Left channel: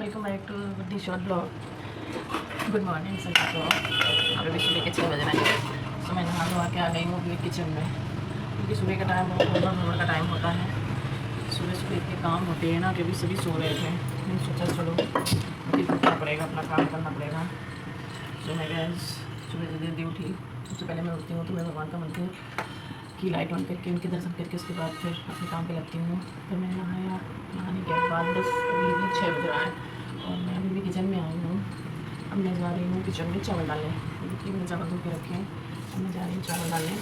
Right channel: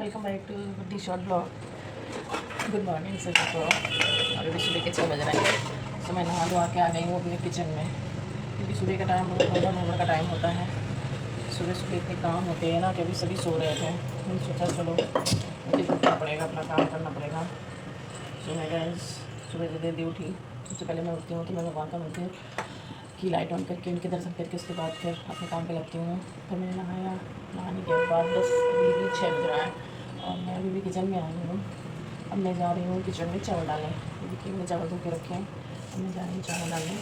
Welcome back to the short blog. Good morning सभी को। अभी सुबह के 6 बज रहे हैं, तो मैं नहा धो के आ गई हूँ अपने किचन में, क्योंकि सुबह का टाइम बहुत गड़बड़ का टाइम होता है। सुबह सुबह इतने काम होते हैं ना कि अभी सभी सो रहे थे। नहीं सोचा चलो मुझे उठना पड़ेगा, अपना काम करना पड़ेगा। तो मैं गैस सुबह जल्दी उठी। सबसे पहले मैं उठती हूँ तो मैं भगवान का मंदिर की लाइट ऑन करके उनके दर्शन करके उसके बाद फिर अपने काम पे लगती हूँ। फिर मैंने नहाया, नहाने के बाद बस अभी भी 6 बज रहा है और मैं अभी भी किचन में आई हूँ। अब मैं जा रही हूँ किचन में चावल डालने, क्योंकि मैं चावल धो के रखे हैं। तो मैं जा रही हूँ चावल डालने,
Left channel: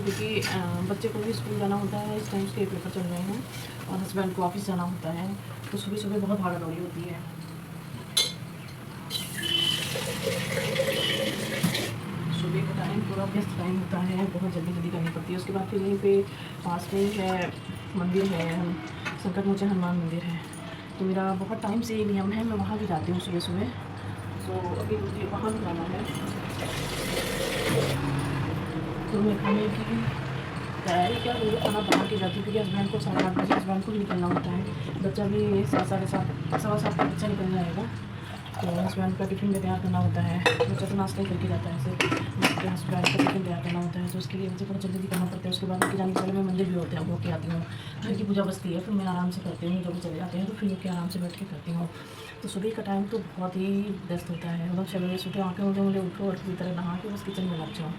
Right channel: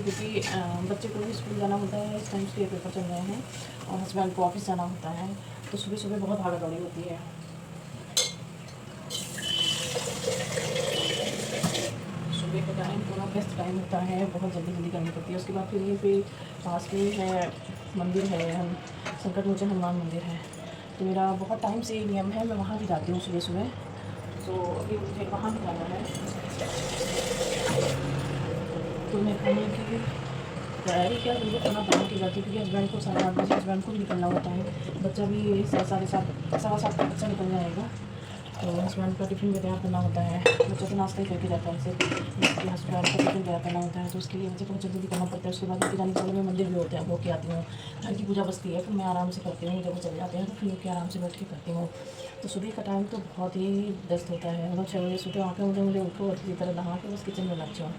क्योंकि बच्चे को भी स्कूल जाना होता है। इस टाइम उसके पेपर चल रहे हैं और हस्बैंड को ऑफिस जाना होता है, तो सुबह सुबह बहुत भागा दौड़ी होती है। सुबह का टाइम पूरा बेस्ट टाइम होता है, बहुत जल्दी जल्दी करनी पड़ती है। उसके बाद फिर यहीं पे पास में है मंदिर है, संकट मोचन हनुमान मंदिर है, तो मेरा बहुत टाइम से नियम है, मैं वहाँ भी जाती हूँ सुबह सुबह। तो अभी मुझे वहाँ भी जाना है, तो मैं खाने की तैयारी क्या करूँ, खाना बना के जाती हूँ, क्योंकि हस्बैंड को 8:30 बजे हस्बैंड को भी निकलना होता है। बच्चा भी 7:30 7:15 तक बच्चा निकल जाएगा, तो हस्बैंड का टिफ़िन भी तैयार करना होता है। बच्चा तो नाश्ता ही करके जाता है सिर्फ, तो हस्बैंड को टिफ़िन तैयार करना होता है, तो उसके लिए मुझे बहुत जल्दी करना पड़ता है। उसके बाद उनके जाने से पहले मैं मंदिर भी होते हैं वो के आती हूँ। घर की पूजा बचती है, फिर मैं आराम से करती हूँ। जब वो चले जाते हैं तो फिर लोग के आराम से बैठ के करती हूँ। तो सुबह का टाइम तो बहुत ही व्यस्त होता है। मतलब 6 बजे सुबह आके मुझे उठो और किसी तरह नहा के बस किचन में लग जाऊँ।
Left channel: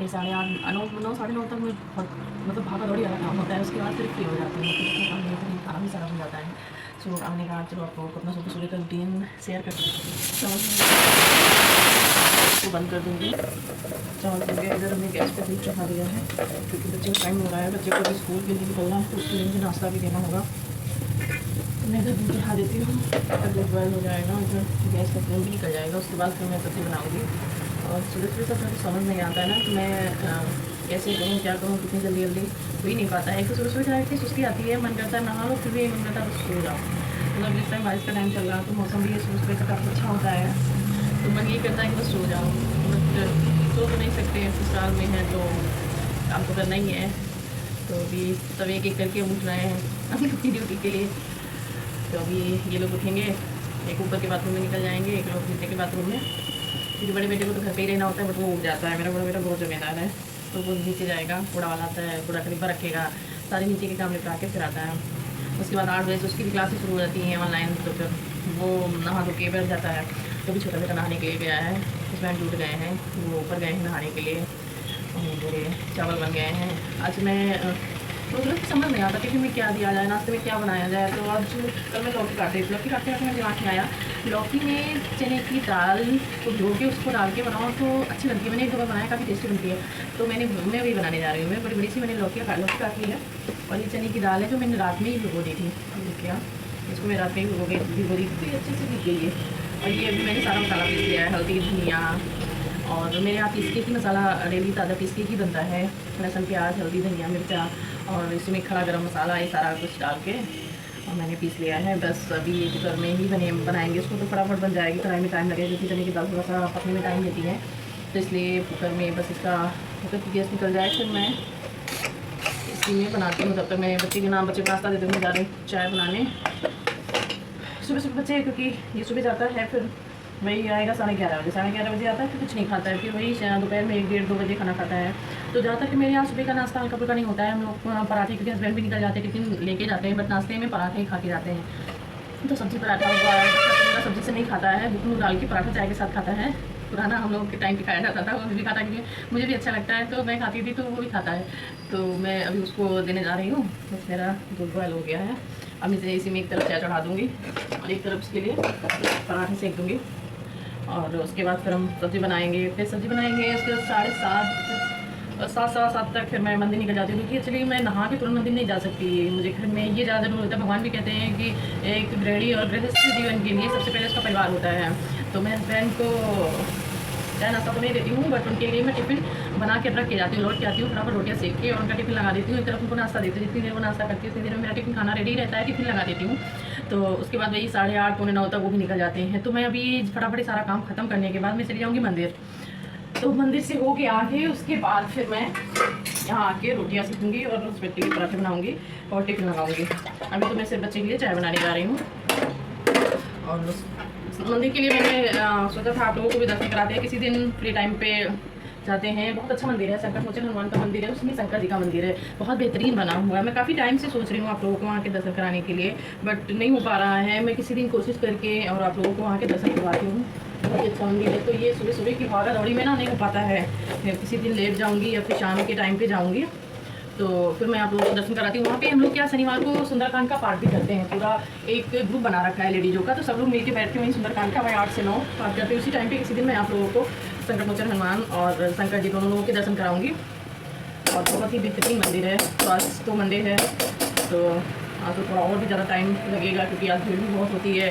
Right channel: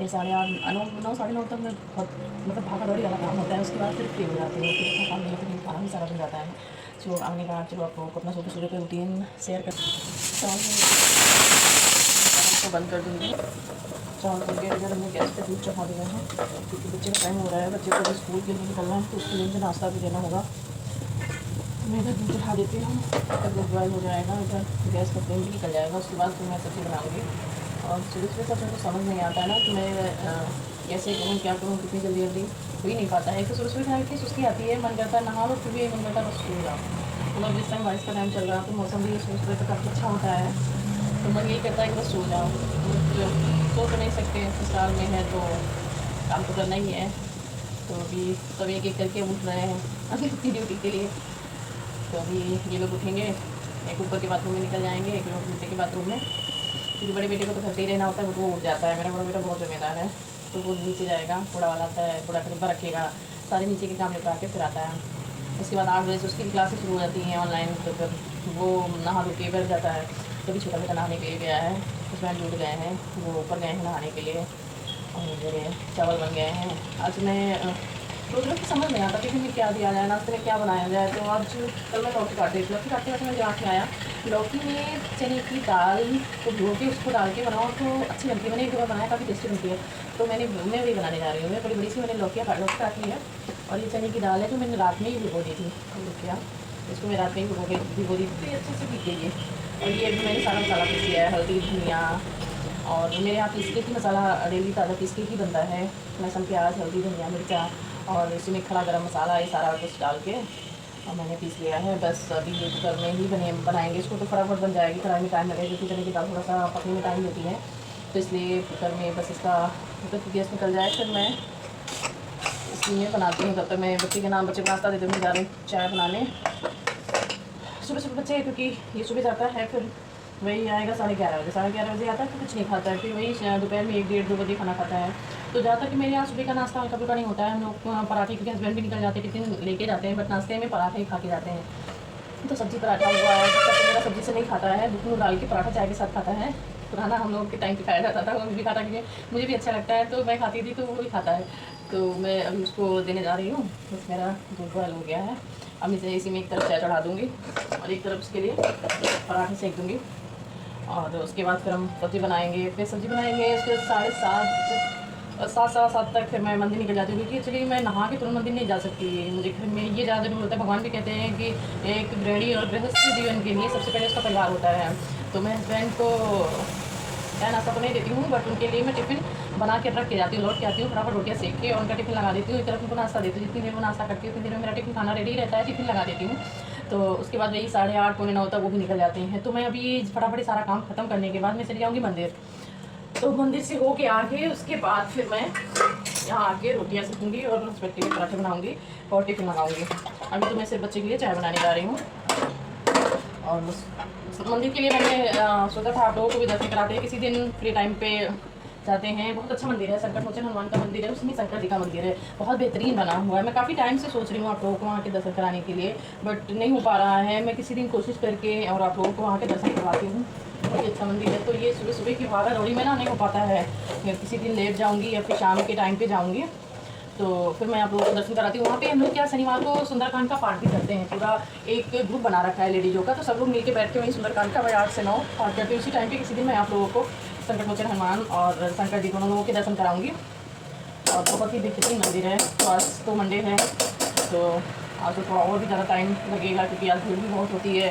ये 8:30 9 साढ़े 9 तक मैं बहुत मतलब भागा दौड़ी वाला काम होता है। उसके बाद फिर फ्री हो जाती हूँ, फिर अपना काम नहीं होता, खाना भी सारा बन जाता है। सो आने का चलो आप लोगों को अपना सुबह सुबह का रूटीन शेयर कर को बंद कर दूँगी। चावल हो गया, इधर हमने गैस पे दूध चढ़ा दिया है, क्योंकि बच्चे का टाइम हो रहा है। बच्चे को भी स्कूल के लिए निकलना है, तो उसके लिए मुझे नाश्ता भी देना होगा। तो मैं इधर दूध चढ़ा देती हूँ, तब दूध बॉयल हो जाएगा, इधर गैस का फ्लेम भी निकल जाएगा। उसके बाद फिर मैं सब्ज़ी बनाऊँगी। और सुबह सुबह सब मुझे समझ नहीं आता है ना, तो मैं कैसे करूँ, क्या करूँ, कितनी जल्दी जल्दी हो ही नहीं पाता है। एक तो सुबह सुबह इतनी सुस्ती आती है, मन करता है नहा लो, फिर भी मन करता है बस सो जाओ। मतलब जिस टाइम बारिश का टाइम चल रहा है तो मौसम भी सुबह सुबह का काफ़ी अच्छा होता है, तो मन यही करता है कि बस सो जाओ। बट सो तो नहीं सकते, ससुराल में है तो काम तो करना ही है। तो अभी सब एक एक करके उठ रहे हैं अभी अपनी ड्यूटी के लिए। तो अभी ये लोग उठेंगे, एक ऊपर के बाथरूम में निकल जाएंगे, एक लोग नीचे के बाथरूम में, क्योंकि बड़े बेटे को तो घर पे ही रहना होता है, बट वो उठ जाता है। मेरा बड़ा बेटा बहुत जिम्मेदार है, तो वो नीचे जाएगा, कूड़ा वाला आता है, कूड़ा करीब रखेगा, सारे नीचे के काम निपटा के फिर आता है। उसके बाद 8 बजे से उसकी क्लासेस शुरू हो जाती हैं ऑनलाइन, तो फिर वो नहा धो के बैठ जाता है। तो भी छोटा बेटा नहाने के लिए गया है, हस्बैंड जुट गए हैं, वो ऊपर गए हैं नहाने के लिए। और मेरे चावल बन गए हैं। आज मैं तो मतलब समझ नहीं आता टिफिन में क्या दिया जाए, नाश्ते में क्या बनाया जाए। तो आज कल मैं लौकी काट रही थी, लौकी काटते काटते मैं दिमाग में आया लौकी में चने की दाल को धो के उसको डाल के बनाओ तो अच्छी बनती है। मैंने एक दो बार बनाया, काफ़ी टेस्टी बनती है। तो मैं वही बनाने जा रही हूँ। मैं बड़ी बड़ी सी मैंने लौकी काट ली है, और ये चने की दाल है जो मैंने रात में ही भिगो दी थी। क्या इसको मैं रात में ही भिगो दी थी, अच्छे से भीग गई है। और ये मैंने सारा मसाला पीस लिया है, हल्दी धनिया, और मेरे यहाँ पीस के ही मसाला डेली ताज़ा पीस के ही बनता है। लहसुन प्याज हल्दी धनिया मिर्चा और इसमें खड़ा गरम मसाला, ये सारा कुछ डाल के और मैंने पीस लिया है। बस अभी कुकर में ही बनाएंगे उसको, तो फटाफट बन जाएगी। कढ़ाई में टाइम लगेगा, क्योंकि चने की दाल थोड़ा सा पकने में टाइम लेती है, तो इसलिए कुकर में बस इसका कुकर की गैस निकल जाए फिर मैं इसी में बनाती हूँ। तब तक मैं बच्चे के नाम, बच्चे को नाश्ता देती हूँ, जा रही चाय बनाने। सुबह सुबह बच्चे, क्योंकि ये सुबह जाता है, फिर वही आएगा 11:30 बजे, 11:30 बजे आता है, फिर कुछ नहीं खाता है। फिर वही दोपहर में 1 डेढ़ 2 बजे खाना खाता है। तो ज़्यादातर कि मेरे यहाँ सुबह का नाश्ता हल्का फुल्का नहीं होता है। हम लोग पराठे, क्योंकि हस्बैंड भी निकल जाते हैं, टिफिन लेके जाते हैं, बट नाश्ते में पराठे ही खा के जाते हैं। तो सब्ज़ी पराठा हुआ है, तो मेरा सब्ज़ी से नहीं खाता है, दूध डाल के पराठा चाय के साथ खाता है। पुराना हम लोग के टाइम पे खाया जाता था, वो भी खाता, क्योंकि मुझे भी अच्छा लगता है, तो मैं खाती थी, तो वो भी खाता है। तो मैं अभी उसको देने जा रही हूँ। बस मेरा दूध बॉयल हो गया है, अब इसी में एक तरफ चाय चढ़ा दूँगी और एक तरफ इसके लिए पराठे सेक दूँगी। और उसके बाद फिर हम सब्ज़ी बनाएंगे, उसके 7:30 7:15 तक फिर मैं मंदिर निकल जाती हूँ, क्योंकि एक्चुअली मैं नहा के तुरंत मंदिर नहीं जा सकती। मुझे घर में ये ज़्यादा जरूर होता है। भगवान भी कहते हैं कि एक गृहिणी और गृहस्थ जीवन के लिए सबसे पहले उसका परिवार होता है। तो मैं हस्बैंड को चाय नाश्ता तो नहीं देती हूँ, बट उनके लिए मैं टिफ़िन बना के रख के जाती हूँ, लौट के आती हूँ, फटाफट रोटियाँ सेक के और उनका टिफ़िन लगा देती हूँ। एक तरफ उनको नाश्ता देती हूँ, जितनी देर वो नाश्ता करती है उतनी देर में मेरा टिफ़िन खाना रेडी रहता है, टिफ़िन लगा देती हूँ। तो उसके बाद वही 8:30 पौने 9 तक वो भी निकल जाते हैं। तो मैं अभी फटाफट सारा काम ख़त्म करने के बाद मैं चली जाऊँगी मंदिर। तो मंदिर से होके आके उसके बाद फिर मैं यहाँ आके रोटियाँ सेकूँगी और उस बच्चे के पराठे बनाऊँगी और टिफ़िन लगाऊँगी। अभी तो मैं सिर्फ बच्चे के लिए चाय बनाने जा रही हूँ। और मंदिर के लिए मैंने सोचा था आप लोगों को भी दर्शन कराते हैं, किसी दिन फ्री टाइम पे जाते हैं। बहुत अच्छा मंदिर है, संकट मोचन हनुमान का मंदिर है, उसमें शंकर जी का मंदिर है, बहुत बेहतरीन बना हुआ है। मैं काफ़ी टाइम से सोच रही हूँ आप लोगों को वहाँ के दर्शन कराने के लिए, बट नहीं हो पा रहा है। मैं किसी दिन कोशिश करके और आप लोगों को वहाँ के दर्शन करवाती हूँ। बहुत अच्छा मंदिर है। तो ये सुबह सुबह की भागा दौड़ी में ना नहीं हो पाता है, किसी दिन लेट जाऊँगी या फिर शाम के टाइम पर जाऊँगी, तो फिर मैं आप लोगों को दर्शन कराती हूँ। वहाँ पे हम लोग क्या शनिवार को सुंदरकांड का पाठ भी करते हैं, पूरा एक ग्रुप बना रखा है लेडीजों का, तो सब लोग मिलकर बैठ के वहीं सुंदरकांड का भाई 8 से 9 पाठ करते हैं। उसी टाइम पे किसी दिन मैं आप लोगों को संकट मोचन हनुमान और शंकर जी दोनों लोगों के दर्शन कराऊंगी। और बहुत ही बेहतरीन मंदिर है। तो आज तो मंडे है, तो आज तो थोड़ा और भी ज़्यादा टाइम लगेगा क्योंकि आज भीड़ भी बहुत होती है।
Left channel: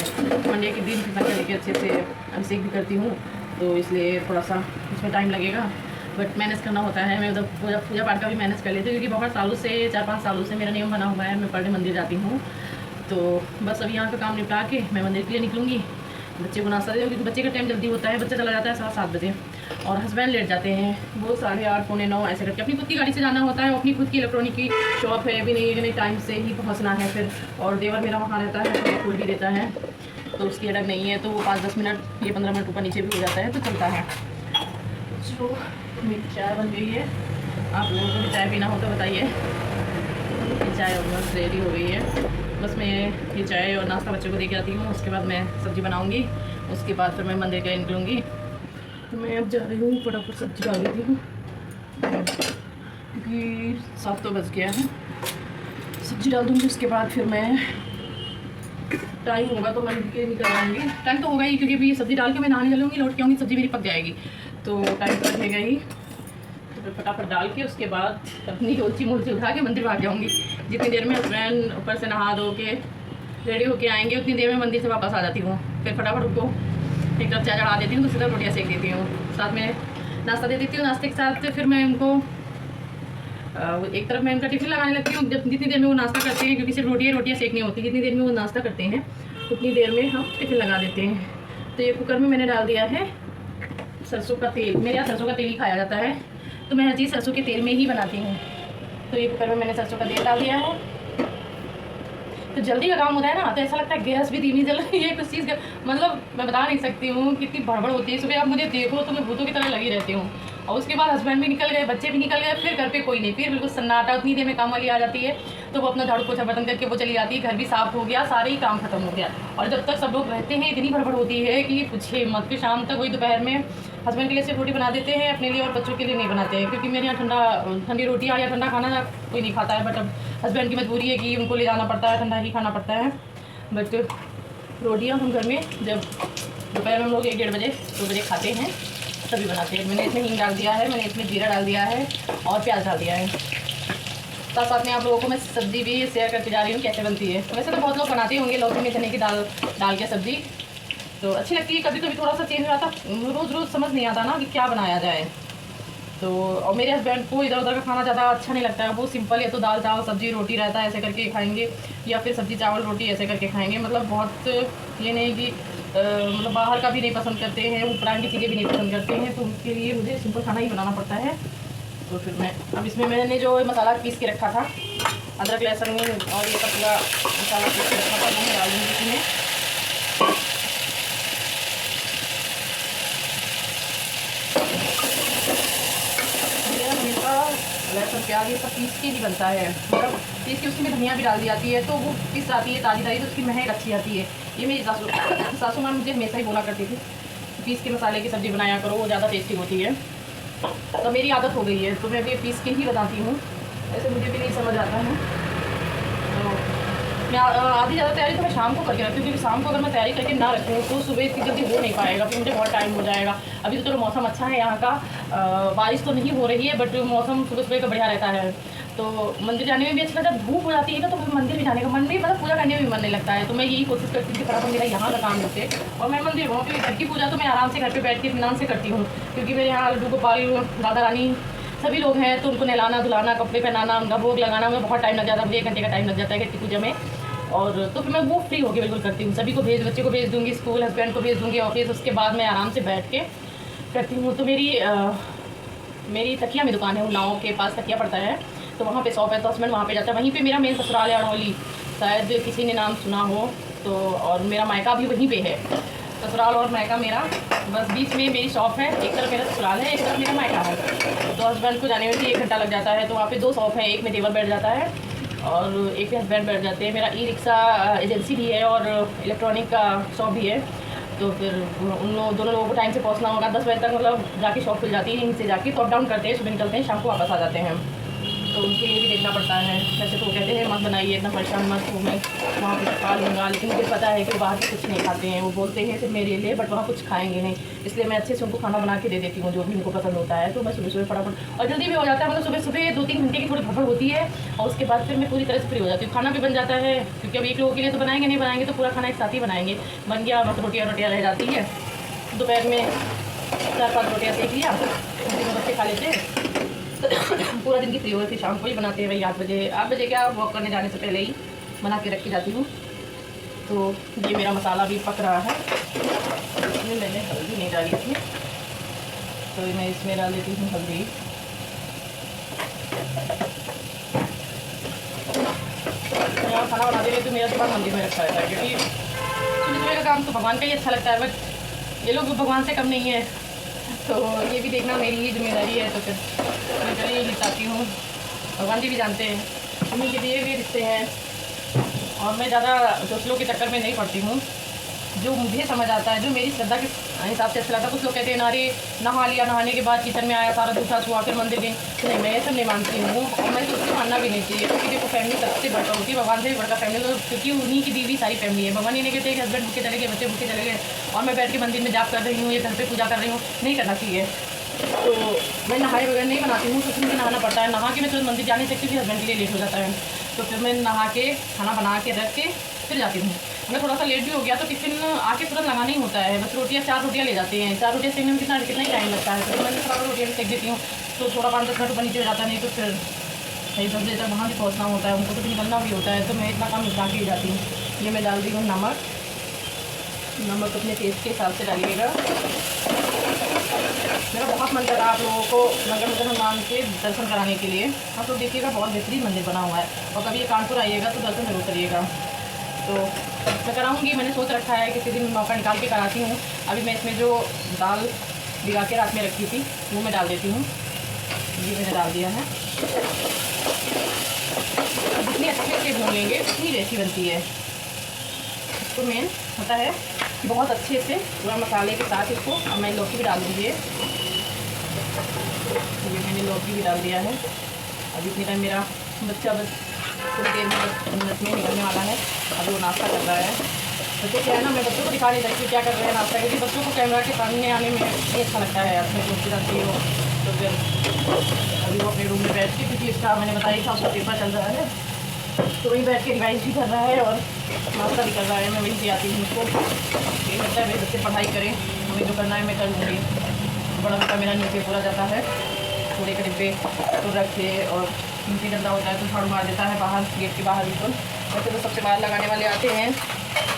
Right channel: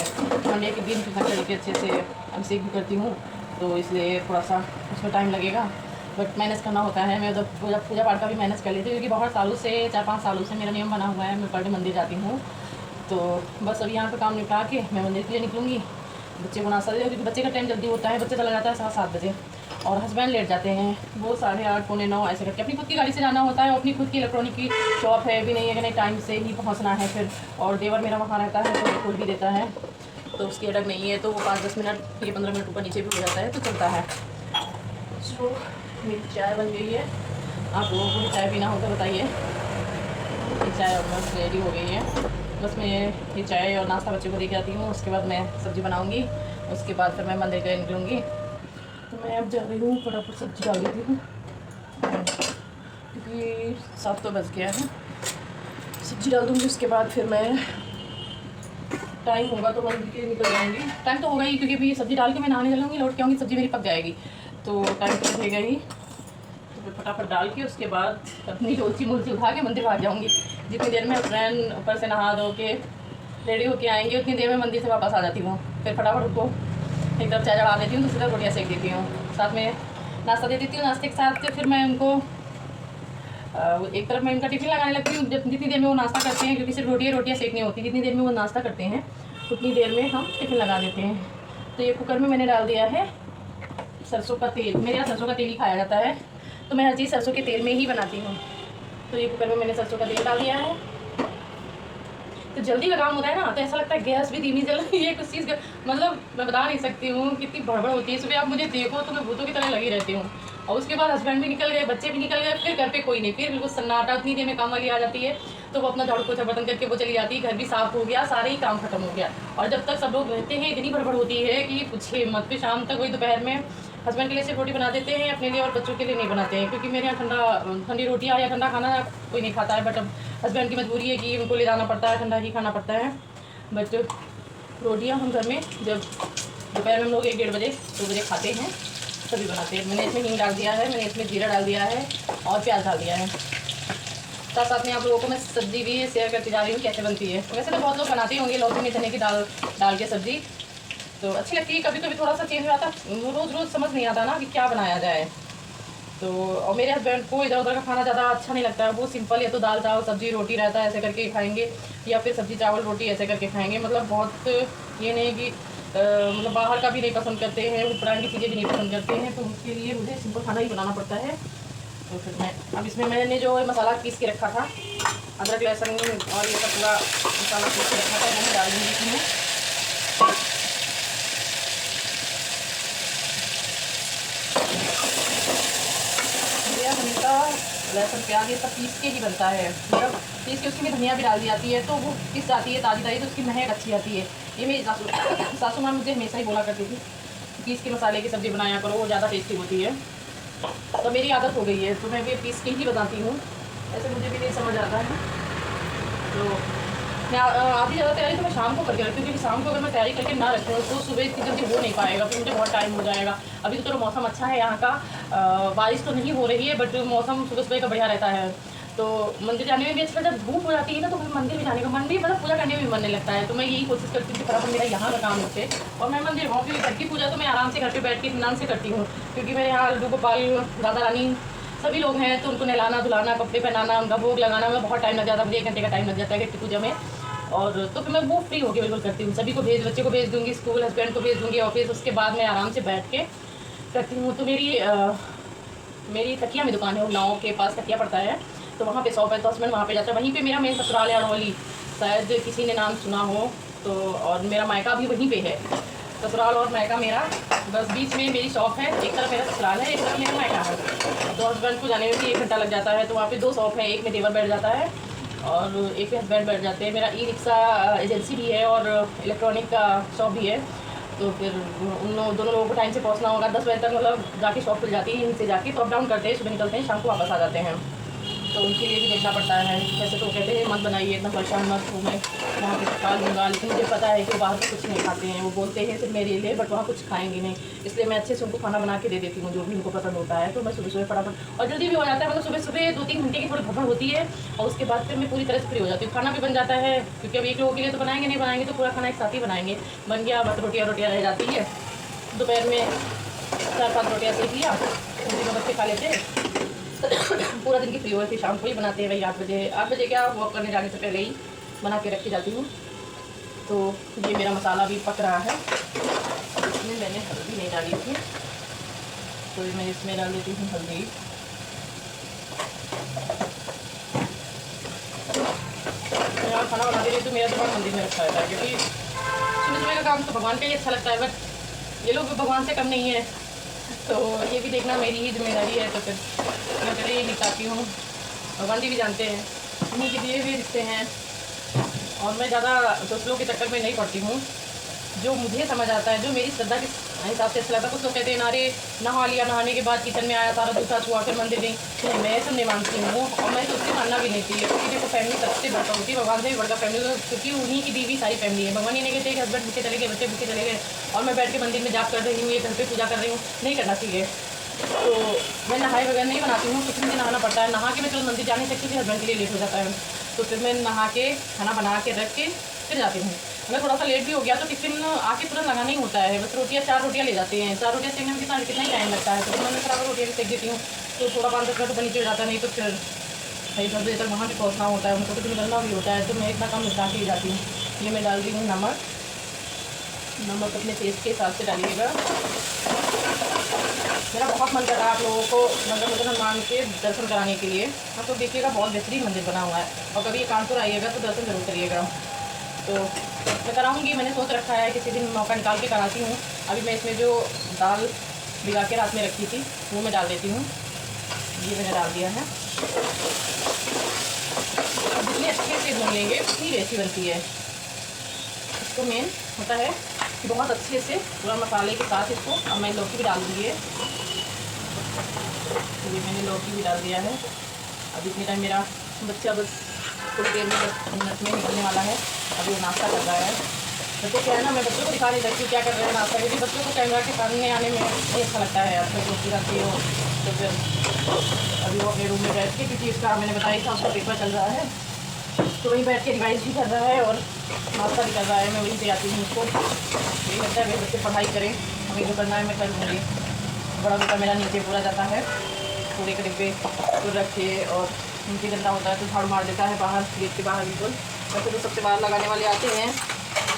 मंडे के दिन फिर शंकर जी के अच्छे से अभिषेक भी करती हूँ, तो इसलिए थोड़ा सा उसमें टाइम लगेगा, बट मैनेज करना होता है। मैं उधर पूजा पाठ का भी मैनेज कर लेती हूँ, क्योंकि बहुत सालों से 4-5 सालों से मेरा नियम बना हुआ है, मैं पर डे मंदिर जाती हूँ। तो बस अभी यहाँ का काम निपटा के मैं मंदिर के लिए निकलूँगी। बच्चे को नाश्ता दे, क्योंकि बच्चे का टाइम जल्दी होता है, बच्चा चला जाता है 7 बजे और हस्बैंड लेट जाते हैं, वो 8:30 पौने 9 ऐसे करके। अपनी खुद की गाड़ी से जाना होता है, अपनी खुद की इलेक्ट्रॉनिक की शॉप है, भी नहीं है कि नहीं टाइम से ही पहुँचना है फिर। और देवर मेरा वहाँ रहता है तो खोल भी देता है, तो उसकी अटक नहीं है, तो वो 5-10 मिनट, ये 15 मिनट ऊपर नीचे भी हो जाता है, तो चलता है। तो मेरी चाय बन गई है। आप लोगों को भी चाय पीना हो तो बताइए। ये चाय ऑलमोस्ट रेडी हो गई है। बस मैं ये चाय और नाश्ता बच्चों को दे के आती हूँ, उसके बाद मैं सब्ज़ी बनाऊँगी, उसके बाद फिर मैं मंदिर के निकलूँगी। तो मैं अब जा रही हूँ, फटाफट सब्ज़ी डाल देती हूँ क्योंकि 7 तो बज गया है। सब्ज़ी डाल दूँगी, उसके बाद फिर मैं टाइम होगा तो मंदिर के निकल जाऊँगी। टाइम तो होगा ही, क्योंकि अभी सब्ज़ी डाल के मैं नहाने चलूँगी, लौट के आऊँगी, सब्ज़ी मेरी पक जाएगी, तो टाइम तो लगेगा ही। तो फिर फटाफट डाल के उसके बाद अपनी डोलची मोलची उठा के मंदिर भाग जाऊँगी। जितनी देर में फ्रेंड ऊपर से नहा धो के रेडी होके आएंगे, उतनी देर में मंदिर से वापस आ जाती हूँ। फिर फटाफट उनको एक तरफ चाय चढ़ा देती हूँ, दूसरी तरफ रोटियाँ सेक देती हूँ, साथ में नाश्ता दे देती हूँ। नाश्ते के साथ फिर मैं उनको एक तरफ मैं उनका टिफिन लगाने लगती हूँ। जितनी देर में वो नाश्ता करते हैं, क्योंकि सिर्फ रोटियाँ सेकनी होती है, जितनी देर में वो नाश्ता करते हैं उतनी देर में हम टिफिन लगा देते हैं। तो ये कुकर में मैंने डाल दिया है सरसों का तेल। मेरे यहाँ सरसों का तेल ही खाया जाता है, तो मैं हर चीज़ सरसों के तेल में ही बनाती हूँ। तो ये कुकर में मैंने सरसों का तेल डाल दिया है, तो जल्दी का काम होता है ना। तो ऐसा लगता है गैस भी धीमी जल रही है, कुछ चीज़ मतलब मैं बता नहीं सकती हूँ कितनी भड़बड़ होती है। सुबह आप मुझे देखो तो मैं भूतों की तरह लगी रहती हूँ, और उसके बाद हस्बैंड भी निकल गए, बच्चे भी निकल गए, फिर घर पे कोई नहीं, फिर बिल्कुल सन्नाटा। उतनी देर में काम वाली आ जाती है, तो वो अपना झाड़ू पोछा बर्तन करके वो चली जाती है, घर भी साफ हो गया, सारे ही काम खत्म हो गया। और जब तक सब लोग रहते हैं इतनी भड़बड़ होती है कि पूछे मत। फिर शाम तक वही दोपहर में हस्बैंड के लिए सिर्फ रोटी बना देते हैं, अपने लिए और बच्चों के लिए नहीं बनाते हैं, क्योंकि मेरे यहाँ ठंडी रोटियाँ या ठंडा खाना कोई नहीं खाता है। बट अब हस्बैंड की मजबूरी है कि उनको ले जाना पड़ता है, ठंडा ही खाना पड़ता है। बट रोटियाँ हम घर में जब दोपहर में हम लोग 1-1:30 बजे 2 बजे खाते हैं तभी बनाते हैं। मैंने इसमें हींग डाल दिया है, मैंने इसमें जीरा डाल दिया है और प्याज डाल दिया है। साथ साथ में आप लोगों को मैं सब्ज़ी भी शेयर करती जा रही हूँ कैसे बनती है। वैसे तो बहुत लोग बनाते होंगे लौकी में चने की दाल डाल के सब्ज़ी, तो अच्छी लगती है। कभी कभी थोड़ा सा चेंज हो जाता, रोज़ समझ नहीं आता ना कि क्या बनाया जाए। तो और मेरे हस्बैंड को इधर उधर का खाना ज़्यादा अच्छा नहीं लगता है, वो सिंपल या तो दाल चावल सब्ज़ी रोटी रहता है ऐसे करके खाएंगे, या फिर सब्ज़ी चावल रोटी ऐसे करके खाएंगे। मतलब बहुत ये नहीं कि मतलब बाहर का भी नहीं पसंद करते हैं, उपरान की चीज़ें भी नहीं पसंद करते हैं, तो उनके लिए मुझे सिंपल खाना ही बनाना पड़ता है। तो फिर मैं अब इसमें मैंने जो मसाला पीस के रखा था, अदरक लहसुन और ये सब पूरा मसाला पीस के रखा था, वो मैं डाल दूँगी इसमें। हल्का लहसुन प्याज ये सब पीस के ही बनता है, मतलब पीस के उसमें धनिया भी डाल दी जाती है, तो वो पीस जाती है ताज़ी ताज़ी, तो उसकी महक अच्छी आती है। ये मेरी सासू माँ मुझे हमेशा ही बोला करती थी, पीस के मसाले की सब्ज़ी बनाया करो, वो ज़्यादा टेस्टी होती है। तो मेरी आदत हो गई है, तो मैं भी पीस के ही बताती हूँ, ऐसे मुझे भी नहीं समझ आता है। तो मैं आधी ज़्यादा तैयारी तो मैं शाम को करके रखती हूँ, क्योंकि शाम को अगर मैं तैयारी करके ना रखूँ तो सुबह इतनी जल्दी हो नहीं पाएगा, फिर मुझे बहुत टाइम हो जाएगा। अभी तो चलो मौसम अच्छा है यहाँ का, बारिश तो नहीं हो रही है, बट मौसम सुबह सुबह का बढ़िया रहता है, तो मंदिर जाने में भी अच्छा लगता है। धूप हो जाती है ना, तो फिर मंदिर भी जाने का मन भी, मतलब पूजा करने में भी मन नहीं लगता है। तो मैं यही कोशिश करती हूँ कि फटाफट मेरा यहाँ का काम होते और मैं मंदिर वहाँ पर घर की पूजा तो मैं आराम से घर पर बैठ के इत्मीनान से करती हूँ, क्योंकि मेरे यहाँ लड्डू गोपाल राधा रानी सभी लोग हैं, तो उनको नहलाना धुलाना कपड़े पहनाना उनका भोग लगाना में बहुत टाइम लग जाता है, मुझे 1 घंटे का टाइम लग जाता है घर की पूजा में। और तो फिर मैं वो फ्री होकर बिल्कुल करती हूँ, सभी को बच्चे को भेज दूँगी स्कूल, हस्बैंड को भेज दूँगी ऑफिस, उसके बाद मैं आराम से बैठ के करती हूँ। तो मेरी तकिया में दुकान है, उन्नाव के पास तकिया पड़ता है, तो वहाँ पे शॉप है, तो हस्बैंड वहाँ पे जाता है। वहीं पे मेरा मेन ससुराल है अड़ोली, शायद किसी ने नाम सुना हो, तो और मेरा मायका भी वहीं पे है, ससुराल और मायका मेरा बस बीच में मेरी शॉप है। एक तरफ मेरा ससुराल है, एक तरफ मेरा मायका है। तो हस्बैंड को जाने में भी 1 घंटा लग जाता है। तो वहाँ पे 2 शॉप है, एक में देवर बैठ जाता है और एक पे हस्बैंड बैठ जाते हैं। मेरा ई रिक्शा एजेंसी भी है और इलेक्ट्रॉनिक का शॉप भी है। तो फिर दोनों लोगों को टाइम से पहुँचना होगा। 10 बजे तक मतलब जाके शॉप खुल जाती है, यहीं से जाके तो अप डाउन करते हैं, सुबह निकलते हैं, शाम को वापस आ जाते हैं। तो उनके लिए भी देखना पड़ता है। वैसे तो कहते हैं मत बनाइए, इतना परेशान मत हो, मैं वहाँ कुछ खा लूँगा, लेकिन मुझे पता है कि वो बाहर कुछ नहीं खाते हैं। वो बोलते हैं सिर्फ मेरे लिए, बट वहाँ कुछ खाएंगे नहीं, इसलिए मैं अच्छे से उनको खाना बना के दे देती हूँ जो भी उनको पसंद होता है। तो मैं सुबह सुबह फटाफट और जल्दी भी हो जाता है, मतलब सुबह सुबह 2-3 घंटे की थोड़ी भड़बड़ होती है और उसके बाद फिर मैं पूरी तरह से फ्री हो जाती हूँ। खाना भी बन जाता है, क्योंकि अब 1 लोगों के लिए तो बनाएंगे नहीं, बनाएंगे तो पूरा खाना एक साथ ही बनाएंगे। बन गया, बस रोटियाँ रह जाती है। दोपहर में 4-5 रोटियाँ सेक लिया, तीनों बच्चे खा लेते हैं। पूरा दिन की फ्री हुई, फिर शाम को ही बनाते हैं। वही 8 बजे क्या वॉक करने जाने से पहले ही बना के रखी जाती हूँ। तो ये मेरा मसाला भी पक रहा है। इसमें मैंने हल्दी नहीं डाली थी, तो मैं इसमें डाल देती हूँ हल्दी। यहाँ खाना बनाते रहे तो मेरा दिमाग मंदिर में रखा रहता है, क्योंकि सुबह का काम तो भगवान का ही अच्छा लगता है, बट ये लोग भी भगवान से कम नहीं है। तो ये भी देखना मेरी ही जिम्मेदारी है। तो फिर मैं पहले ही निपटाती हूँ। भगवान जी भी जानते हैं, उन्हीं के दिए हुए रिश्ते हैं और मैं ज़्यादा दूसरों के चक्कर में नहीं पड़ती हूँ। जो मुझे समझ आता है, जो मेरी श्रद्धा के हिसाब से अच्छा लगता है। कुछ लोग कहते हैं नारे नहा लिया, नहाने के बाद किचन में आया, सारा दूसरा छुआ, फिर मंदिर गई। नहीं, मैं ऐसा नहीं मानती हूँ और मैं तो उससे मानना भी नहीं चाहिए, क्योंकि देखो फैमिली सबसे बढ़कर होती है, भगवान से भी बढ़कर फैमिली, क्योंकि उन्हीं की दी हुई सारी फैमिली है। भगवान ये नहीं कहते कि हस्बैंड भूखे चले गए, बच्चे भूखे चले गए और मैं बैठ के मंदिर में जाप कर रही हूँ या घर पर पूजा कर रही हूँ, नहीं करना चाहिए। तो मैं नहाए बगैर नहीं बनाती हूँ, कुछ मुझे नहाना पड़ता है। नहा के मैं तुरंत मंदिर जा नहीं सकती, फिर हस्बैंड के लिए लेट हो जाता है। तो फिर मैं नहा के खाना बना के रख के फिर जाती हूँ। मैं थोड़ा सा लेट भी हो गया तो टिफिन आके तुरंत लगाना ही होता है। बस रोटियाँ 4 रोटियाँ ले जाती हैं, 4 रोटियाँ सेकने में कितना ही टाइम लगता है। तो मैं थोड़ा रोटियाँ भी सेक देती हूँ, तो थोड़ा 5-10 मिनट ऊपर नीचे हो जाता है। नहीं तो फिर 10 बजे तक वहाँ भी पहुँचना होता है, उनको तो फिर निकलना भी होता है। तो मैं इतना काम निपटा के ही जाती हूँ। ये मैं डाल रही हूँ नमक अपने टेस्ट के हिसाब से डालिएगा। मेरा बहुत मन कर रहा है आप लोगों को नगर मुझे हनुमान के दर्शन कराने के लिए। आप लोग देखिएगा, बहुत बेहतरीन मंदिर बना हुआ है और कभी ये कानपुर आइएगा तो दर्शन जरूर करिएगा। तो मैं कराऊंगी, मैंने सोच रखा है किसी दिन मौका निकाल के कराती हूँ। अभी मैं इसमें जो दाल भिगा के रात में रखी थी वो मैं डाल देती हूँ। ये मैंने डाल दिया है। जितनी अच्छे से भून लेंगे उतनी टेस्टी बनती है। इसको मेन होता है बहुत अच्छे से पूरा मसाले के साथ इसको। अब मैं लौकी भी डाल दूँगी। ये मैंने लौकी भी डाल दिया है। अब इतनी टाइम मेरा बच्चा बस थोड़ी देर में 10 मिनट में निकलने वाला है। अभी वो नाश्ता कर रहा है। बच्चों क्या है ना, मैं बच्चों को दिखा नहीं सकती क्या कर रहे हैं नाश्ता, क्योंकि बच्चों को कैमरा के सामने आने में नहीं अच्छा लगता है। अपने दोस्ती रहती हो तो फिर अभी वो अपने रूम में बैठ के, क्योंकि उसका मैंने बताया था उसका पेपर चल रहा है, तो वहीं बैठ के रिवाइज भी कर रहा है और नाश्ता भी कर रहा है। मैं वहीं पे आती हूँ उसको। यही लगता है मेरे बच्चे पढ़ाई करें, मुझे जो करना है मैं कर लूँगी। बड़ा बेटा मेरा नीचे पूरा जाता है, पूरे के डिब्बे तो रख के, और नीचे गंदा होता है तो झाड़ू मार देता है बाहर, गेट के बाहर बिल्कुल। वैसे तो सबसे बाहर लगाने वाले आते हैं,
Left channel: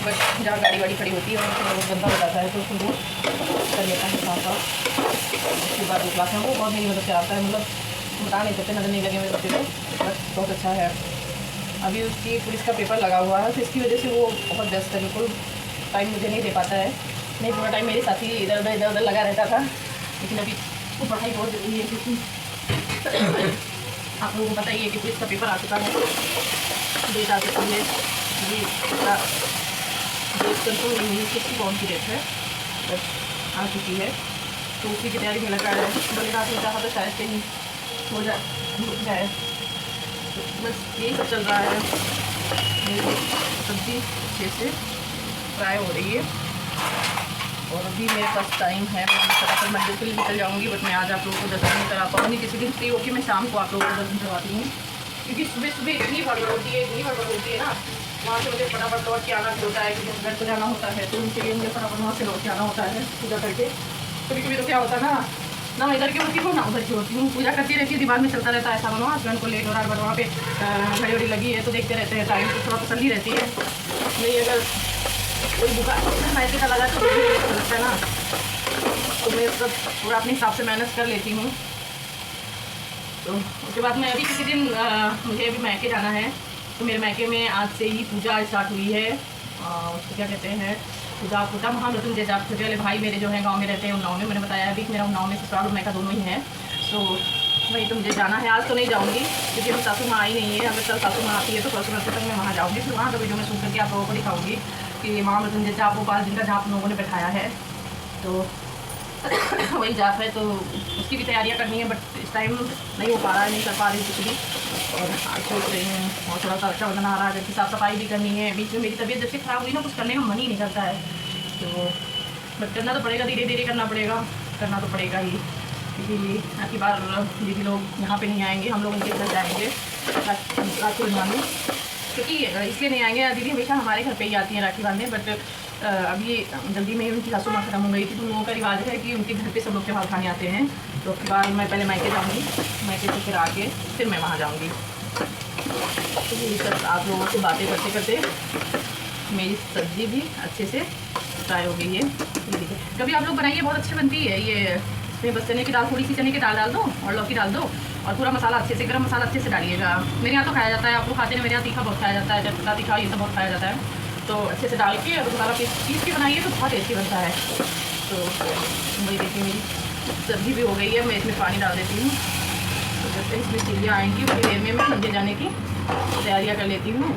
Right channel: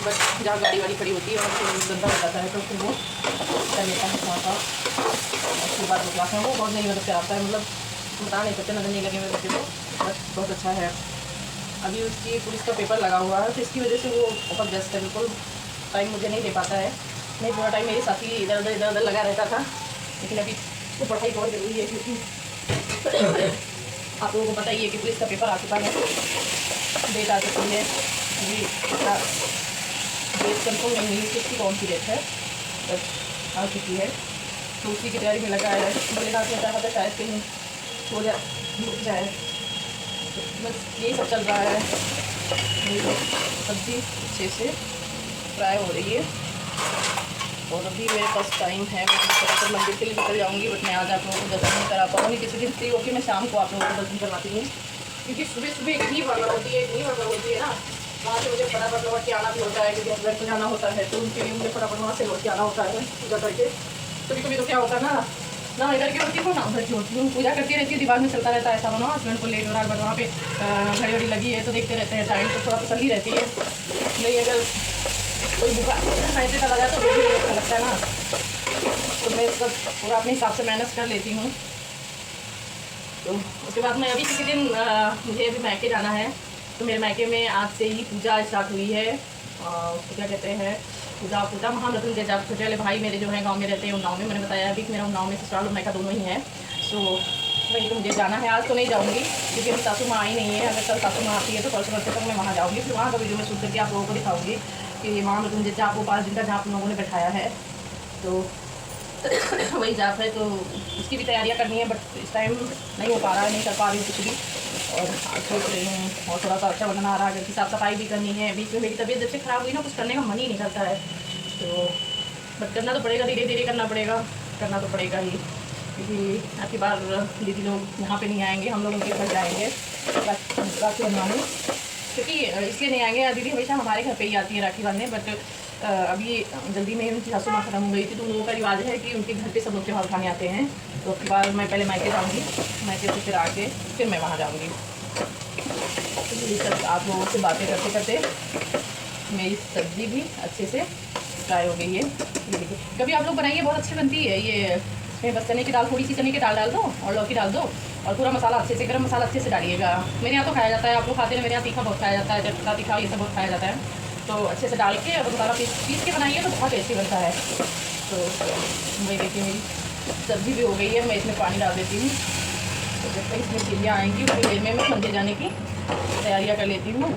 बट जहाँ गाड़ी वाड़ी खड़ी होती है और फिर गंदा हो जाता है तो फिर वो कर लेता है साथ साथ। उसके बाद क्लास में वो बहुत मेरी मदद कराता है, मतलब बता नहीं सकते, नजर नहीं लगे मेरे बच्चे को, बट बहुत अच्छा है। अभी उसकी पुलिस का पेपर लगा हुआ है तो इसकी वजह से वो बहुत व्यस्त है, बिल्कुल टाइम मुझे नहीं दे पाता है। नहीं, पूरा टाइम मेरे साथ ही इधर उधर लगा रहता था, लेकिन अभी वो पढ़ाई बहुत ज़रूरी है, क्योंकि आप लोगों को पता ही है कि पुलिस का पेपर आ चुका है, डेट आ चुकी है। अभी डेट कंफर्म नहीं हुई उसकी कौन सी डेट है, बस आ चुकी है, तो उसी की तैयारी में लगा है। बड़ी रात में चाहा था शायद कहीं हो जाए, बस यही सब चल रहा है। ये सब्ज़ी अच्छे से फ्राई हो रही है और अभी मेरे पास टाइम है, मैं फटाफट मंदिर के लिए निकल जाऊंगी। बट मैं आज आप लोगों को दर्शन नहीं करा पाऊँगी, किसी दिन फ्री होकर मैं शाम को आप लोगों को दर्शन करवाती हूँ, क्योंकि सुबह सुबह इतनी गड़बड़ होती है ना, वहाँ से मुझे फटाफट लौट के आना भी होता है, क्योंकि हस्बैंड को जाना होता है, तो उनके लिए मुझे फटाफट वहाँ से लौट के आना होता है पूजा करके। कभी कभी तो क्या होता है ना इधर की होती हूँ ना उधर की होती हूँ, पूजा करती रहती है, दिमाग में चलता रहता है ऐसा ना, हस्बैंड को लेट हो रहा है, बट वहाँ पे घड़ी घड़ी लगी है तो देखते रहते हैं टाइम, तो थोड़ा तसल्ली रहती है। नहीं, अगर कोई दुकान ऐसे चला जाए तो वो भी अच्छा लगता है ना, तो मैं सब पूरा अपने हिसाब से मैनेज कर लेती हूँ। तो उसके बाद मैं अभी किसी दिन मुझे अभी मैके जाना है, तो मेरे मैके में आज से ही पूजा स्टार्ट हुई है उसको क्या कहते हैं, पूजा पूजा महामृत्युंजय जाप पूजा वाले भाई मेरे जो हैं गांव में रहते हैं, उन्नाव में, मैंने बताया अभी मेरा उन्नाव में ससुराल मैका दोनों ही हैं। सो वहीं तो मुझे जाना है। आज तो नहीं जाऊँगी क्योंकि अभी सासू माँ आई नहीं है। अगर कल सासू माँ आती है तो परसों तक मैं वहाँ जाऊँगी, फिर वहाँ का वीडियो में शूट करके आप लोगों को दिखाऊँगी कि महामृत्युंजय जाप वो 5 दिन का जाप लोगों ने बैठाया है, तो वही जाप है, तो उसकी भी तैयारियां करनी है, बट इस टाइम नहीं हो पा रहा है, नहीं कर पा रही कुछ भी। और सोच रही हूँ, और थोड़ा सा रक्षाबंधन आ रहा है, घर की साफ़ सफाई भी करनी है। बीच में मेरी तबीयत जब से ख़राब हुई ना, कुछ करने का मन ही नहीं करता है, तो बट करना तो पड़ेगा, धीरे धीरे करना पड़ेगा, करना तो पड़ेगा ही, क्योंकि आखिर बार दीदी लोग यहाँ पे नहीं आएंगे, हम लोग उनके घर जाएंगे राखी बनवाने, क्योंकि इसलिए नहीं आएंगे, दीदी हमेशा हमारे घर पे ही आती है राखी बांधने। बट अभी जल्दी में उनकी सासू माँ खत्म हो गई थी, तो लोगों का रिवाज है कि उनके घर पे सब लोग त्योहार खाने आते हैं, तो उसके बाद मैं पहले मैके जाऊँगी, मैके से फिर आके फिर मैं वहाँ जाऊँगी। तो यही सब आप लोगों से बातें करते करते मेरी सब्ज़ी भी अच्छे से फ्राई हो गई है। ये देखिए, कभी आप लोग बनाइए, बहुत अच्छी बनती है ये। इसमें बस चने की दाल, थोड़ी सी चने की दाल डाल दो और लौकी डाल दो, और पूरा मसाला अच्छे से, गरम मसाला अच्छे से डालिएगा। मेरे यहाँ तो खाया जाता है, आप लोग खाते हैं, मेरे यहाँ तीखा बहुत खाया जाता है, जब तीखा ये सब बहुत खाया जाता है, तो अच्छे से डाल के अगर मसाला पीस के बनाइए तो बहुत टेस्टी बनता है। तो वही देखिए मेरी सब्ज़ी भी हो गई है, मैं इसमें पानी डाल देती हूँ, तो जब तक इसमें सीढ़ियाँ आएंगी उतनी देर में मैं मंदिर जाने की तैयारियाँ कर लेती हूँ।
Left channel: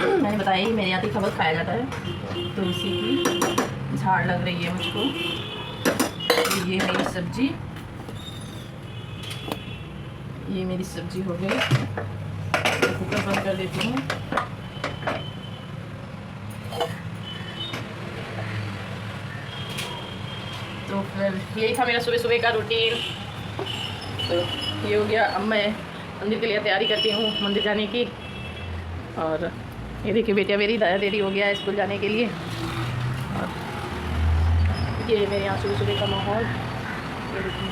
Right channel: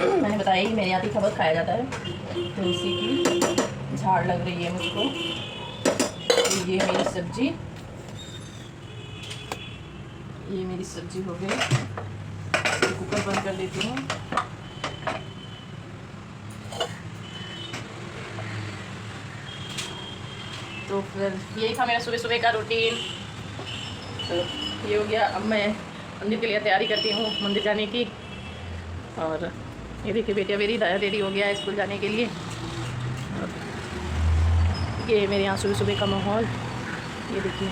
मैंने बताया कि मेरे यहाँ तीखा बहुत खाया जाता है, तो उसी की झाड़ लग रही है मुझको। तो ये मेरी सब्ज़ी, ये मेरी सब्ज़ी हो गई, कुकर बंद कर देती हूँ। तो फिर यही था मेरा सुबह सुबह का रूटीन। तो ये हो गया, अब मैं मंदिर के लिए तैयारी करती हूँ, मंदिर जाने की। और ये देखिए बेटिया मेरी दाया देरी हो गया है स्कूल जाने के लिए। और ये मेरे यहाँ सुबह सुबह का माहौल, ये देखिए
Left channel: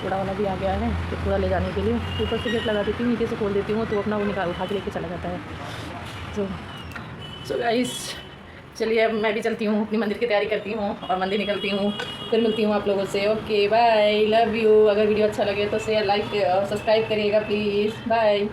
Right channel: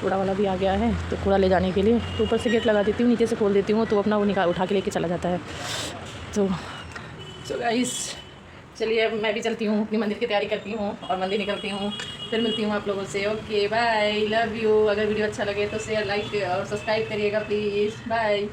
कूड़ा वाला भी आ गया है, तो कूड़ा ले जाने के लिए ऊपर से गेट लगा देती हूँ, नीचे से खोल देती हूँ, तो अपना वो निकाल उठा के लेके चला जाता है। तो सो गाइस, चलिए अब मैं भी चलती हूँ, अपनी मंदिर की तैयारी करती हूँ और मंदिर निकलती हूँ, फिर मिलती हूँ आप लोगों से। Okay bye, love you. अगर वीडियो अच्छा लगे तो शेयर, लाइक और सब्सक्राइब करिएगा प्लीज़। बाय।